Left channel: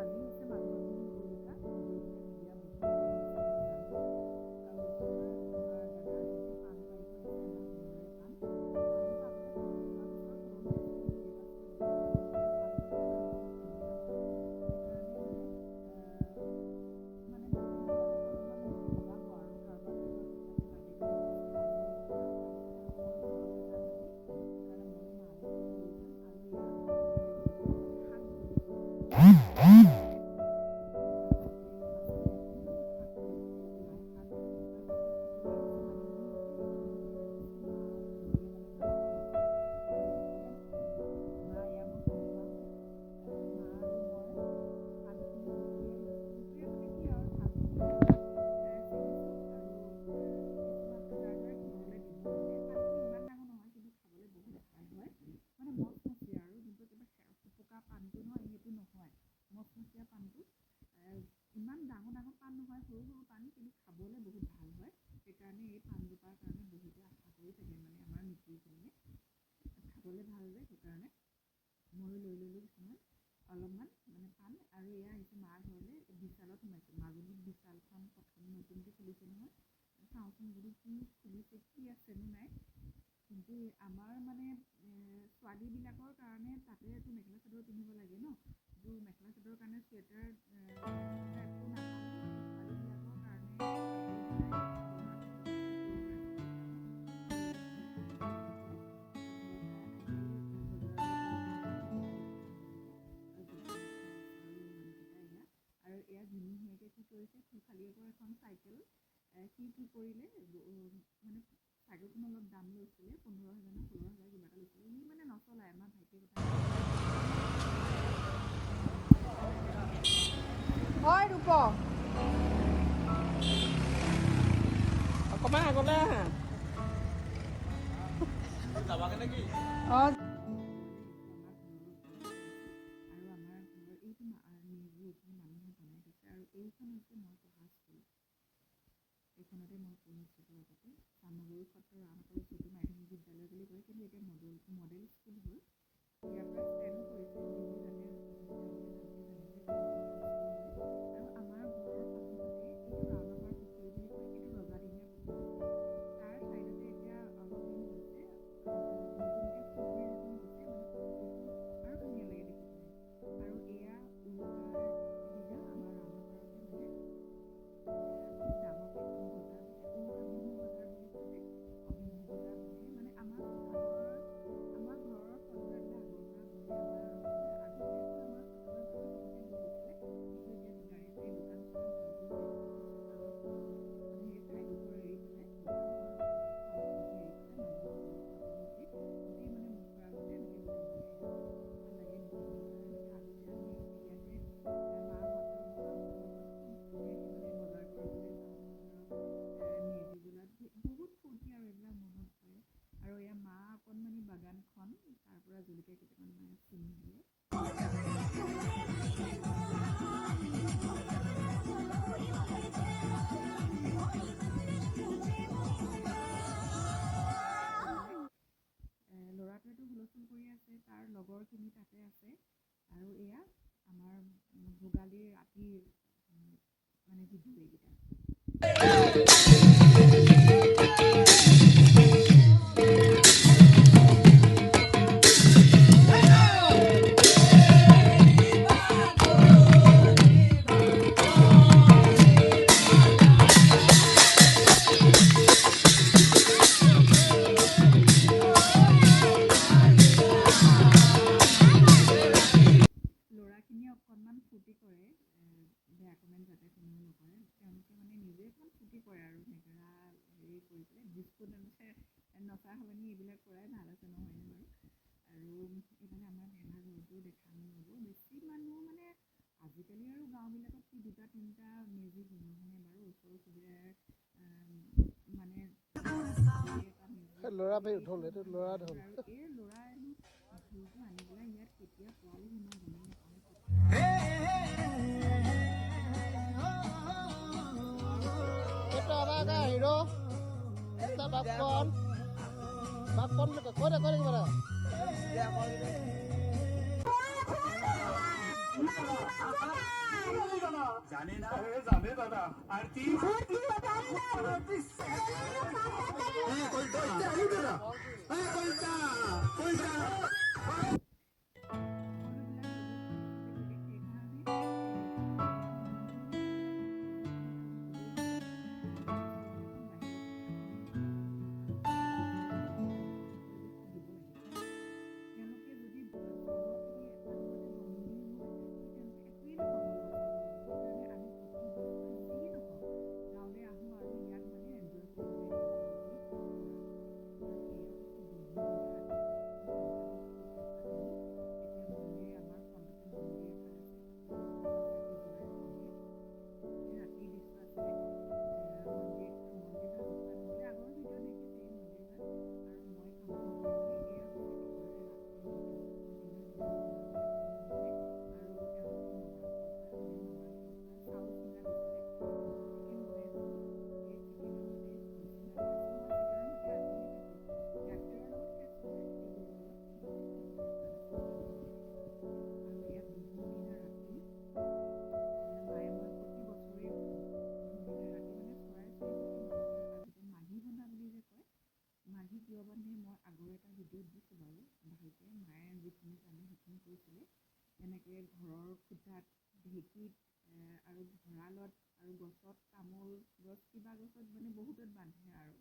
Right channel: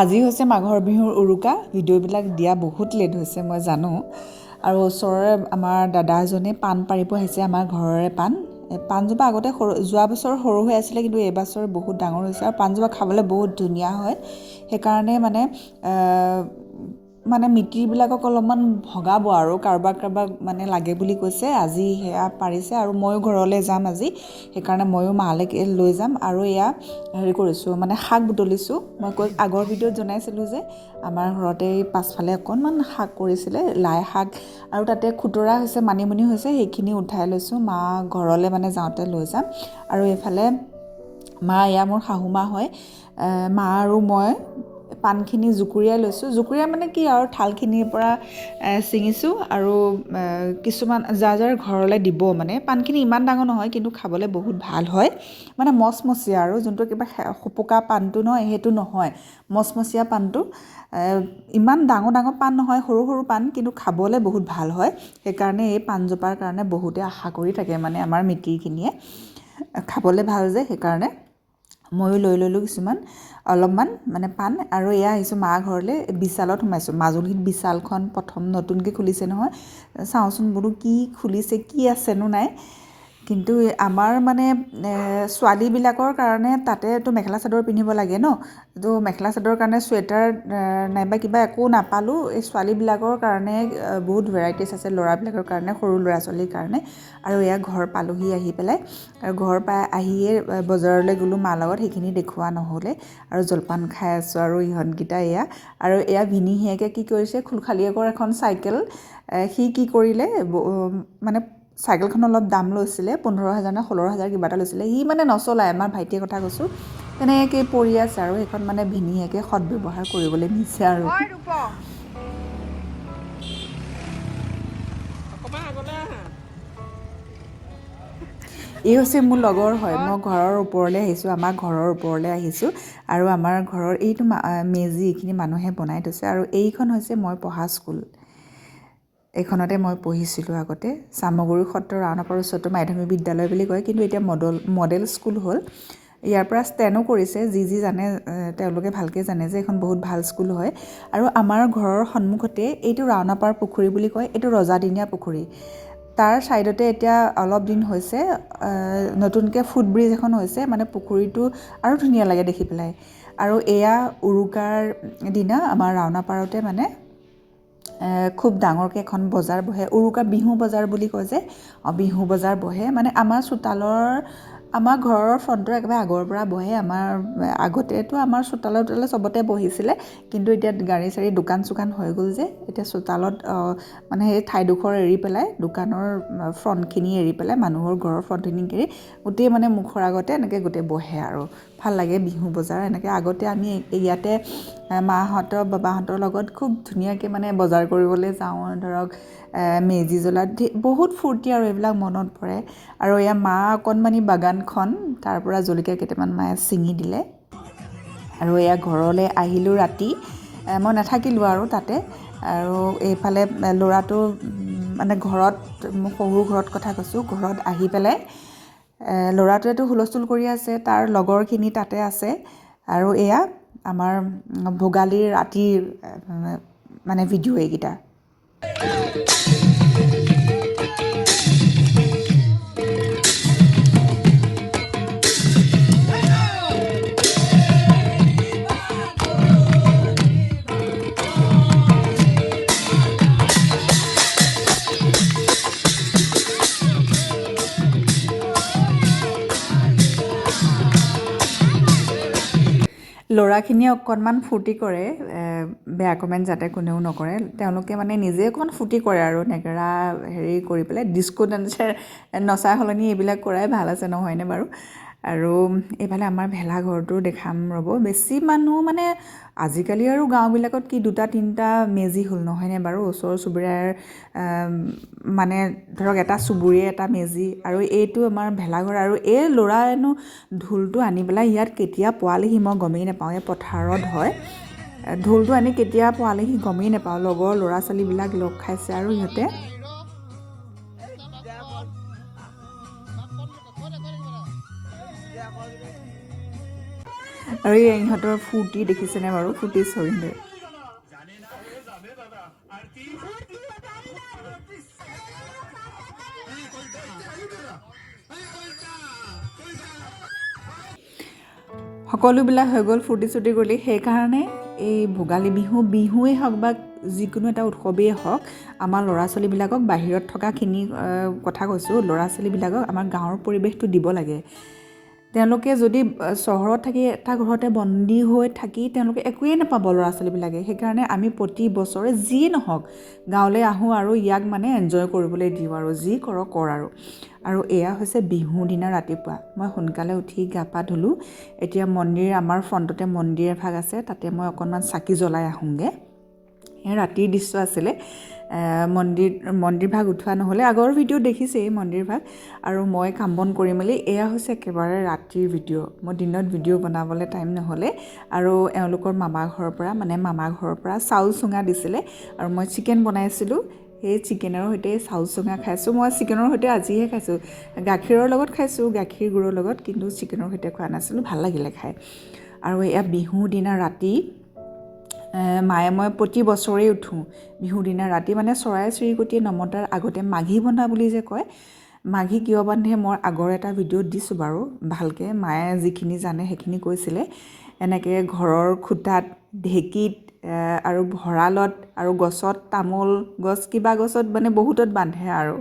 আজি হৈছে মাঘৰ বিহুৰ উৰুকা। ভিডিঅ'বিলাক দিয়া বহুত লেট হৈছে মই জানো। আৰু ওচৰৰে আমাৰ দাদা এজনে পাণ পাৰিব আহিছে, আমাৰ ঘৰৰে পাণ। পাণজোপা আগতে যোৱা বছৰ সৰু হৈ আছিলে, কিন্তু এইবছৰ বহুত ডাঙৰ হৈছে আৰু পাণজোপা খাবলৈ বহুত ধুনীয়া হয়। সেইকাৰণে মানে মিতিৰবিলাকক অলপমান ভগাব আৰু কাৰোবাক মানে লাগে বুলি কৈছে। আজি সেয়া পাৰিছে আৰু ময়ো ঘৰলৈ যাম আজি, সেইকাৰণে ময়ো মালৈকে লৈ যাম। আৰু এয়া হেৰি কৰিছোঁ, মানে শাক বুটলিছোঁ। মই আগৰ ভিডিঅ'ত জনাইছিলোঁ যে আমাৰ ঘৰতে পাছফালে অকণমান শাক কৰিছিলে, লাই শাক, আৰু তাতে খুতৰা হৈছে, মানিমুনি হৈছে, সেইখিনি উঠাই লৈছোঁ। মা ঘৰলৈ মানে যাওঁতে লৈ যাম। আৰু এইফালে মা, এয়া মোৰ শাহুমা হয়, মা আৰু মই পাণখিনি জুকুৰিয়াই লৈছোঁ। জুকুৰিয়াই মানে কি আৰু থালখিনিৰ পৰা ছিঙিছোঁ আৰু কিছুমান যাৰ ঘৰলৈ দিব, মানে পাণখিনি ইমান ডাঙৰ নহয় কিন্তু খাবলৈ বহুত ভাল হয়, মানে মচমচীয়া আৰু যোনটো কিবা সোপোকা পাণটো নহয় সেইটো নহয়, মচমচীয়া পাণটো। ইমান ডাঙৰ ডাঙৰ পাণ নহয়, সৰু সৰু পাণ, কিন্তু খাবলৈ বহুত ভাল হয়। সেইকাৰণে এই পাণজোপাৰ কাৰণে বহুতে আশা কৰি থাকে, মানে আমাৰ মিতিৰখিনিয়ে খাবলৈ ভাল যে, সেইকাৰণে ময়ো লৈ ল'লোঁ কিছুমান, অলপমান মানে পাণ। আৰু এয়া আহিছোঁ মা ঘৰলৈ, বিশালত সোমাইছোঁ। মাজুলীত বিশালখন প্ৰথম নতুনকৈ খুলিছে নহয়, চাওঁচোন বোলো কি খুলিছে, কি আছেনো নাই। কিন্তু আমাৰ মানে ছোৱালীবিলাকৰ কাৰণে তাতেতো মেখেলা চাদৰ পিন্ধিব লাগে ন, তো মেখেলা চাদৰৰ কাৰণে চুৱেটাৰ নাইবা কিবা একো নাপালোঁ। এই ছোৱালীবিলাকৰ কাৰণে বহুত ভেৰাইটিজ আছে, ল'ৰাবিলাকৰ কাৰণে, সৰু ল'ৰা ছোৱালীৰ কাৰণে। আৰু এয়া ঘৰ পালোহি আহি পেলাই, আৰু ঘৰ পাই আহিয়ে বজাৰলৈ গ'লোঁ মাৰ লগত, সেইখিনি দেখুওৱা নহ'লে। আৰু জলপান খাই আছোঁ আৰু ইহঁতকেইটা এয়া। আৰু এয়া ভিনিহিয়েকে কি কৰিছে, খুলখালীয়েকৰ এখন চাইকেল, সি কি কৰিলে, মানে চাইকেলখন অলপ দাম লৈছিলে, 15,000 নে 16,000 কিবা এটা লৈছিলে। সি মানে নচলায়, আমাৰ ভাইটিৰ কথা কৈছোঁ, তেনেকৈ পৰি আছে। আৰু সেইখন মানে ভিনিহিয়েকে সদব্যৱহাৰ কৰিবলৈ নিছে। আৰু এই হৈছে মোৰ লগৰ হয়, মই ঘৰৰ ওপৰলৈ আহিছোঁ, আমাৰ ঘৰৰ ওপৰলৈ আহিছোঁ। আৰু আমাৰ ঘৰৰ এইটো মেজি এইখিনি মানুহে বনাই থৈছে। আৰু এইখন হৈছে মই পঢ়া স্কুল, এইখনতে মই পঢ়িছিলোঁ আগতে। চামগুৰি সত্ৰ ৰাওনাপাৰ উচ্চতৰ মাধ্যমিক বিদ্যালয় বুলি কয়, কিন্তু এতিয়া মডেল স্কুল হ'ল। ইয়াৰ পৰা ষ্টেনো কৰিছে, যি জানে তেওঁলোকে ভালকৈ জানে যে এইখন বহুত ভাল স্কুল হয়। আৰু আমাৰ ঘৰৰ সন্মুখতে এইটো ৰাওনাপাৰ পুখুৰী বুলি কয়, এইটো ৰজাদিনীয়া পুখুৰী। তাৰ ছাইডতে এতিয়া অলপ দিন হৈছে নতুনকৈ ফুটব্ৰিজ এখন হৈছে, মানে পুখুৰীটো আৰু ধুনীয়া লাগে দেখি পেলাই। আৰু এয়া উৰুকাৰ দিনা আমাৰ ৰাওনাপাৰতে মানে খুব ডাঙৰকৈ এখন বজাৰ বহে, উৰুকা বিহু বজাৰ বুলি কয় যে, বিহু বজাৰ বহে। মানে আমাৰ ঘৰৰ ফ্ৰণ্টৰ একেবাৰে আগৰ পৰা বহে। আগতেতো আমাৰ চোতালে চবতে বহিছিলে, কিন্তু এতিয়া গাড়ী চাড়ী দোকান চোকান হৈ গ'ল যে, এতিয়া চোতালত মানে সেই ঠাইডোখৰ এৰি পেলাই, দোকানৰ ফ্ৰণ্টখিনি এৰি পেলাই, মানুহৰ ঘৰৰ ফ্ৰণ্টখিনি এৰি গোটেই মানে মুখৰ আগতে এনেকৈ গোটেই বহে। আৰু ভাল লাগে বিহু বজাৰ এনেকৈ। আগতে আমি ইয়াতে মাহঁতৰ বাবাহঁতৰ লগত খুব ধুনীয়াকৈ মানে বজাৰ কৰিবলৈ যাওঁ, ধৰক মেজি জ্বলাত বহুত ফূৰ্তি, আৰু এইবিলাক মনত পৰে। আৰু এয়া মা অকণমানি বাগানখন, তাৰ পৰা জলকীয়া কেইটামান মায়ে ছিঙি দিলে। আৰু এয়া ঘৰলৈ আহিলোঁ ৰাতি, মই নাথাকিলোঁ আৰু তাতে। আৰু এইফালে ল'ৰাটো মানে ঘৰত, সৰু ঘৰত কথা কৈছোঁ, ঘৰত আহি পেলাই ল'ৰাটোৱেতো হুলস্থুল কৰি আছে, তাৰ লগৰখিনি তাতে আছে। আৰু এয়া আমাৰ ভোগালীৰ ৰাতিৰ মানে ভিডিঅ' এইকেইটা। ল'ৰাখিনিয়ে অকণমান ফূৰ্তি কৰে, বেয়া কমেণ্ট যাতে কোনেও নকৰে। তেওঁলোকে মানে নিজে অকণমান ফূৰ্তি কৰে আৰু নেগেৰা হেৰি কৰি পেলাই, ডিস্কো ডান্সাৰ নচা সলনি এইবিলাক কৰাই ভাল আছে, নহয়নে বাৰু? আৰু এইফালে আমাৰ ভেলাঘৰটো দেখাম ৰ'ব। বেছি মানুহ মানে আজিকালি আৰু গাঁওবিলাকত কি 2-3টা মেজি হ'ল, নহয়নে বাৰু? ওচৰ চুবুৰীয়াৰ মানে ধৰক এটা চুবুৰীয়ে এটা মেজি, আৰু এইটো আমাৰ ভেলাঘৰ। আৰু এই ল'ৰাইনো ঢোলটো আনি পেলাই ইয়াত কেতিয়া পোৱালেহি মই গমেই নাপাওঁ, এই পথাৰত হয়। ঢোলটো আনি কেতিয়া পোৱালেহি গমেই নাপাওঁ। লগৰ ল'ৰা ছোৱালীবিলাক লগ খাইছে আৰু সিহঁতে আৰু এই ইহঁতৰ ফূৰ্তি দেখিছেনে বাৰু ফূৰ্তি চৰিলে সকলোবিলাক হৈ গ'ল ফূৰ্তি চূৰ্তি কৰি সেইকাৰণে এই ভোগালী বিহুৱেই হওক বা যিকোনো এটা উৎসৱেই হওক আমাৰ ল'ৰা ছোৱালীবিলাকক বাহিৰত থকাখিনি কথা কৈছোঁ ল'ৰা ছোৱালীবিলাকক আমাৰ গাঁৱৰ পৰিৱেশটো দিব লাগে তেওঁলোকে যদি চহৰত থাকি এটা ঘৰতে বন্দী হৈ থাকি তেওঁলোকে একোৱেই নাপাব ল'ৰা ছোৱালীবিলাকে সেইকাৰণে আমি প্ৰতি বছৰে যিয়ে নহওক গাঁৱলৈ আহোঁ আৰু ইয়াক মানে এনজয় কৰিবলৈ দিওঁ আৰু যি কৰ আৰু এয়া হৈছে বিহুৰ দিনা ৰাতিপুৱা মই সোনকালে উঠি গা পা ধুলোঁ এতিয়া মন্দিৰ আমাৰ ফ্ৰণ্টতে মন্দিৰ এভাগ আছে তাতে মই অকণমান চাকি জ্বলাই আহোঁগৈ ৰাতিৰ দৃশ্য আছিলে মন্দিৰভাগ উঠোৱা নহ'লে আগৰ ভিডিঅ' দেখিছেই মন্দিৰভাগ আৰু মই কাম বন কৰি মেলি এয়া হৈছে একেবাৰে ৰাতিৰ ভিডিঅ' মই দিনত ভিডিঅ' বনাবলৈ টাইম নহ'লে আৰু এওঁলোকৰ মামা ঘৰৰ পৰা চাউল চুঙা দিছিলে আৰু মই চিকেন বনাইছিলোঁ সেই চিকেনৰ সৈতে চাউল চুঙা খাইছোঁ মই চিকেনৰ সৈতে আজিহে খাইছোঁ গাখীৰৰ লগত খাইছোঁ গাখীৰ গুৰৰ লগত কিন্তু চিকেনৰ সৈতে খোৱা নাছিলোঁ ভাল লাগিলে খাই আৰু এয়া বিহুৰ দিনা ৰাতি মায়ে মই প্ৰতি বছৰেই উঠোঁ বিহুৰ দিনা ৰাতি মানে চৰাই চিৰিকটিয়ে নমতাৰ আগতে মাঘী বন্ধা বুলি যে কয় মাঘী কিয় বান্ধে মই আগৰ এটা ভিডিঅ'ত দিছোঁ বাৰু ভালকৈ মায়ে যিখিনি জানে সেইখিনি কৈছিলে এনেকৈ ঘৰৰ খুটাত ঢেঁকীত আৰু ভঁৰালত আৰু গছত তামোল গছ কিবা গছত মানে বহুতত বান্ধে আৰু